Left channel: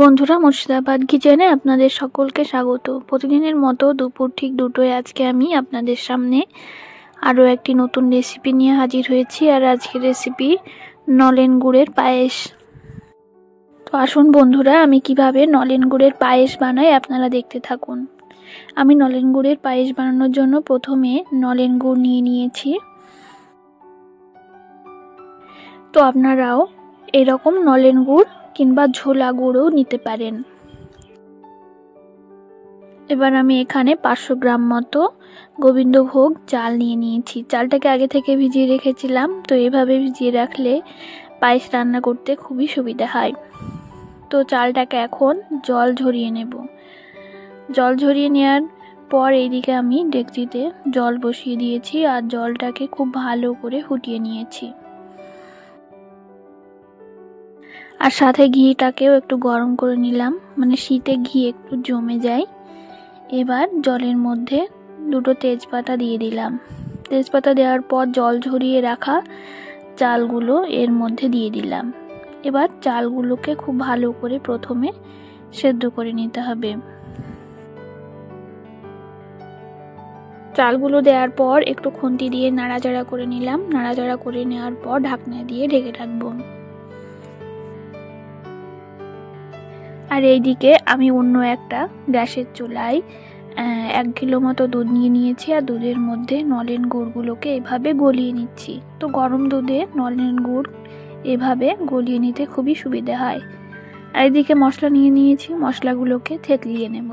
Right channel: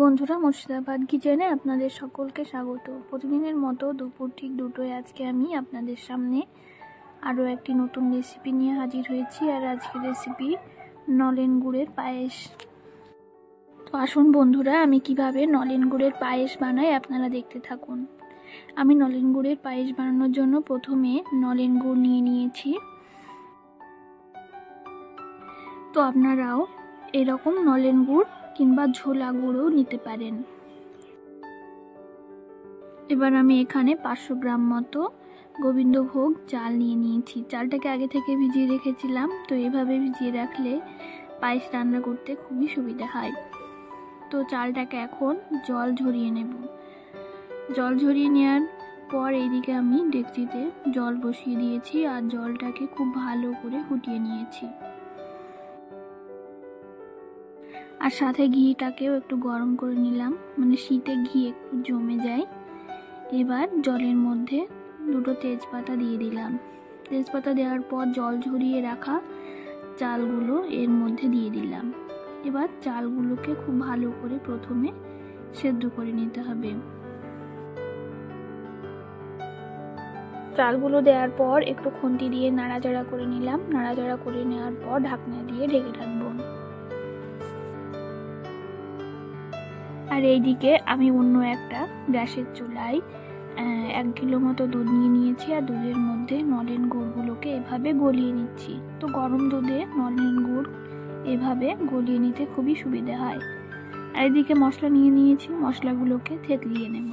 বন্ধুরা, মুর্শিদাবাদ কিচেনে আপনাদের সকলকে স্বাগত। প্রতিদিনের মতো দুপুর ঠিক 2টোয় আজকে আমি আপনাদের সামনে আরও একটি নতুন রেসিপি নিয়ে হাজির হয়েছি। আর আজকের রেসিপি নলেন গুড়ের পায়েস। তো আসুন বন্ধুরা, আমি কিভাবে নলেন গুড়ের পায়েস বানাই আপনারা দেখতে থাকুন। আমি নলেন গুড়ের পায়েস বানানোর জন্য প্রথমে নলেন গুড় নিয়ে নিয়েছি। তো আপনারাও এরকম নলেন গুড় কিংবা ঝোলা গুঁড়ও নিতে পারেন। এবার আমি এখানে 500 গ্রাম মতো গোবিন্দভোগ চাল নিয়ে নিয়েছি। চালটাকে আগে থেকে ভিজিয়ে রেখেছিলাম। তো এভাবে ভিজিয়ে রাখলে পায়েস রান্না করতে খুবই সুবিধা হয়। তো চালটাকে এখন জল ঝরিয়ে নেব। জল ঝরিয়ে নেওয়ার পর এইদিকে আমি ডেকচিতে জল বসিয়ে দিয়েছি আর জলটাকে খুব ভালো করে ফুটিয়ে নিয়েছি। আর সাথে ঘিটাকেও একটু গরম করে নিলাম, মানে শীতে ঘি একটু জমে যায়। এবার জলের মধ্যে 2টো তেজপাতা দিয়ে দিলাম। তেজপাতা দেওয়ার পর জল ঝরিয়ে রাখা চালগুলো এর মধ্যে দিয়ে দিলাম। এবার চালগুলোকে খুব ভালো করে প্রথমে সেদ্ধ করে নিতে হবে। চালগুলো দেওয়ার পর একটু খুন্তি দিয়ে নাড়াচাড়া করে নিলাম। নাড়াচাড়া করে নেওয়ার পর ঢাকনা দিয়ে ঢেকে রাখবো। আর এইদিকে আমি অন্য একটা গ্যাসের চুলায় 1 কিলো মতো দুধ নিয়ে নিয়েছি। আর দুধের মধ্যে নলেন গুড়গুলোকে এভাবে গলিয়ে নিচ্ছি। তো গরম দুধে নলেন গুড় এভাবে গলিয়ে নিতে খুবই সুবিধা হয়। আর এদিকে মশলা নিয়ে নিয়েছি, মশলাগুলোকে থেতলিয়ে নেব।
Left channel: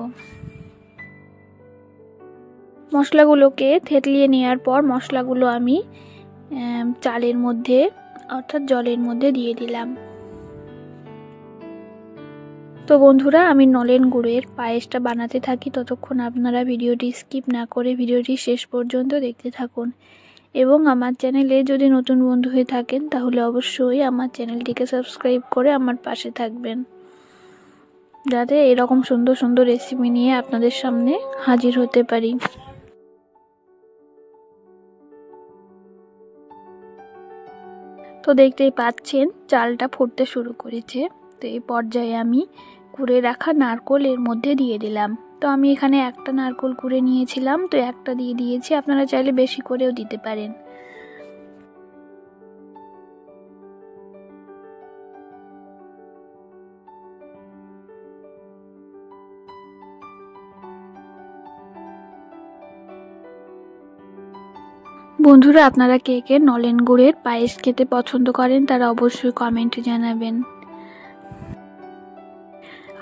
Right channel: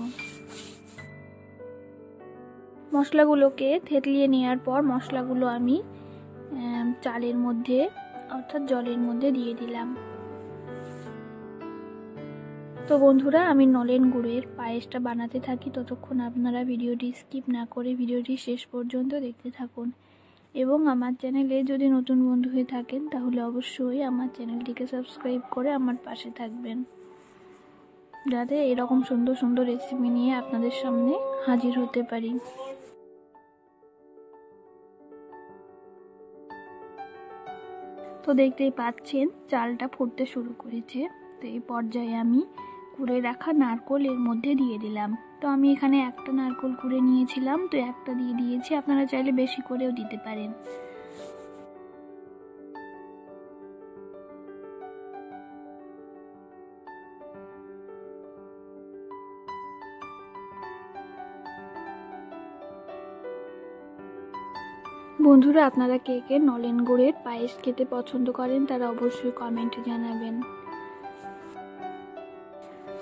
মশলাগুলোকে থেতলিয়ে নেওয়ার পর মশলাগুলো আমি চালের মধ্যে অর্থাৎ জলের মধ্যে দিয়ে দিলাম। তো বন্ধুরা, আমি নলেন গুড়ের পায়েসটা বানাতে থাকি, ততক্ষণ আপনারা ভিডিওটি স্কিপ না করে ভিডিওটি শেষ পর্যন্ত দেখতে থাকুন। এবং আমার চ্যানেলে যদি নতুন বন্ধু হয়ে থাকেন তাহলে অবশ্যই আমার চ্যানেলটিকে সাবস্ক্রাইব করে আমার পাশে থাকবেন, যাতে এরকম সুন্দর সুন্দর রেসিপি নিয়ে আপনাদের সামনে হাজির হতে পারি। তো দেখতেই পাচ্ছেন চালটা ফুটতে শুরু করেছে। তো এই পর্যায়ে আমি কুড়ে রাখা নারকেল এর মধ্যে দিয়ে দিলাম। তো আমি এখানে একটা নারকেল কুড়ে নিয়েছিলাম, তো একটা দিয়ে দিয়েছি। আপনারা চাইলে বেশি করেও দিতে পারেন। বন্ধুরা, আপনারা কে কে নলেন গুড়ের পায়েস খেতে পছন্দ করেন তারা অবশ্যই কমেন্টে জানাবেন।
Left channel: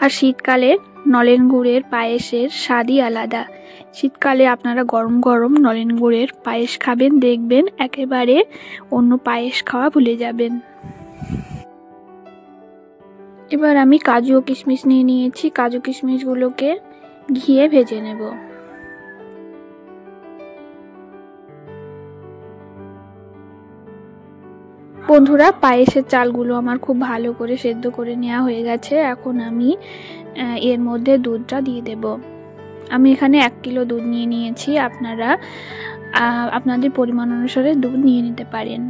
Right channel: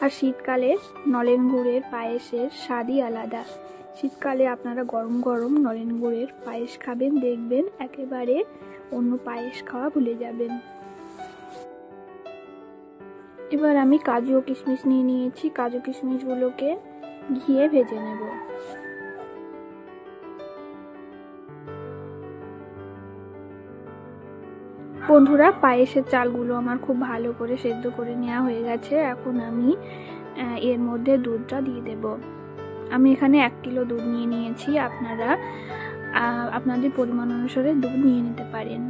আর শীতকালে নলেন গুড়ের পায়েসের স্বাদই আলাদা। শীতকালে আপনারা গরম গরম নলেন গুড়ের পায়েস খাবেন, দেখবেন একেবারে অন্য পায়েস খাওয়া ভুলে যাবেন। এবার আমি কাজু ও কিশমিশ নিয়ে নিয়েছি। কাজু কিশমিশগুলোকে ঘিয়ে ভেজে নেব। বন্ধুরা, পায়েসের চালগুলো আমার খুব ভালো করে সেদ্ধ করে নেওয়া হয়ে গেছে। এখন আমি এর মধ্যে দুধটা দিয়ে দেব। আমি এখানে 1 কিলো দুধ নিয়ে নিয়েছি। আপনারা আপনাদের পরিমাণ অনুসারে দুধ নিয়ে নিতে পারেন।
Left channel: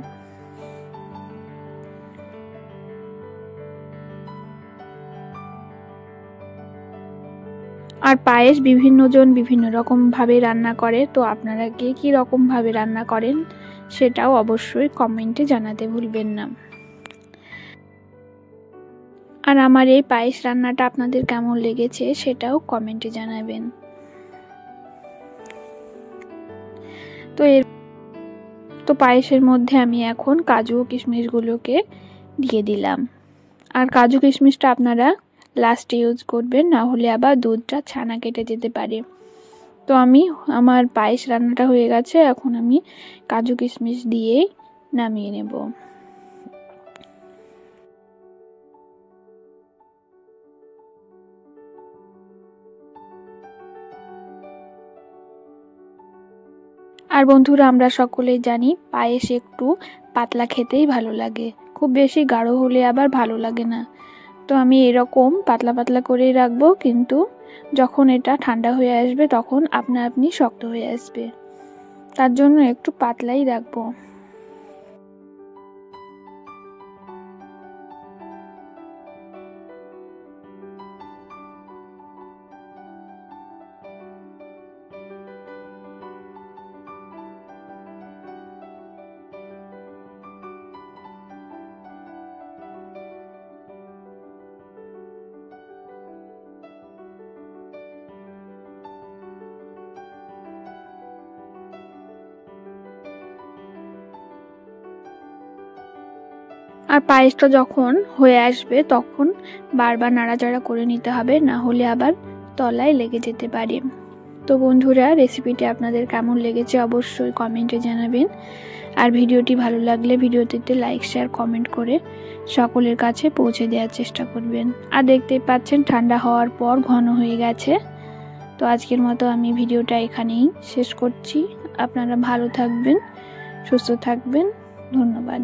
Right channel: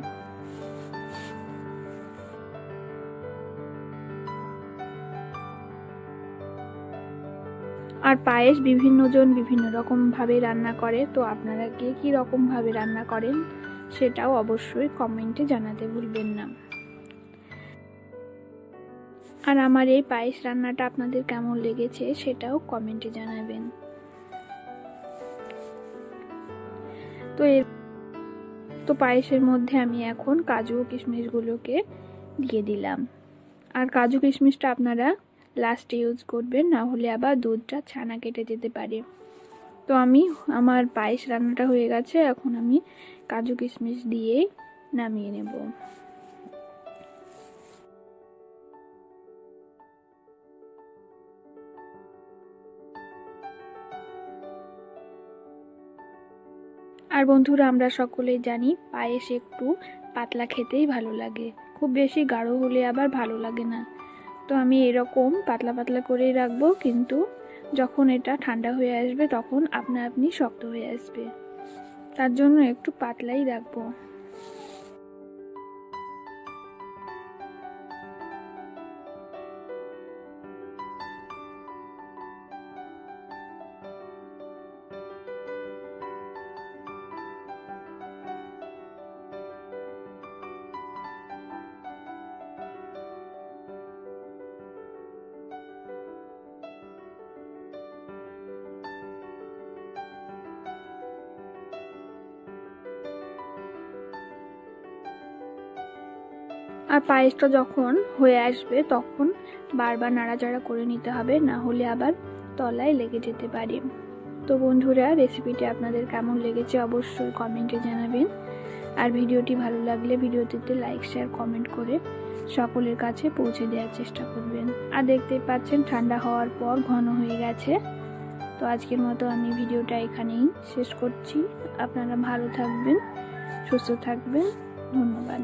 আর পায়েস বিভিন্ন জন বিভিন্ন রকম ভাবে রান্না করে। তো আপনারা কে কি রকম ভাবে রান্না করেন সেটাও অবশ্যই কমেন্টে জানাতে ভুলবেন না। আর আমার এই পায়েস রান্নাটা আপনাদের কেমন লেগেছে সেটাও কমেন্টে জানাবেন। তো পায়েসের মধ্যে আমি এখন কাজু ও কিশমিশগুলোকে দিয়ে দিলাম। আর কাজু কিশমিশটা আপনারা লাস্টে ইউজ করবেন, না হলে আবার দুধটা ছানা কেটে যেতে পারে। তো আমার পায়েস রান্নাটা হয়ে গেছে। এখন আমি কাজু কিশমিশ দিয়ে নামিয়ে নেব। আর বন্ধুরা, আমরা সকলেই জানি পায়েস একটু পাতলা খেতেই ভালো লাগে, খুব বেশি গাঢ় হলে আবার ভালো লাগে না। তো আমি এরকম পাতলা পাতলা করেই রাখবো, কিন্তু যখন এটা ঠান্ডা হয়ে আসবে তখন আপনা আপনি শক্ত হয়ে আসবে, তার জন্য একটু পাতলাই রাখবো। আর পায়েসটা যখন হয়ে আসবে তখন বারবার নাড়াচাড়া করে নিতে হবে, না হলে আবার তলায় লেগে যেতে পারে। তো বন্ধুরা, রেসিপিটি আপনাদের কেমন লেগেছে অবশ্যই কমেন্টে জানাবেন। আর ভিডিওটি ভালো লাগলে ভিডিওটিতে লাইক শেয়ার কমেন্ট করে সকলের কাছে পৌঁছে দেওয়ার চেষ্টা করবেন। আর দেখতেই পাচ্ছেন ঠান্ডা হওয়ার পর ঘন হয়ে গেছে। তো আজকের মতো আমি ভিডিওটা এখানেই শেষ করছি। আপনারা ভালো থাকবেন, সুস্থ থাকবেন। ধন্যবাদ।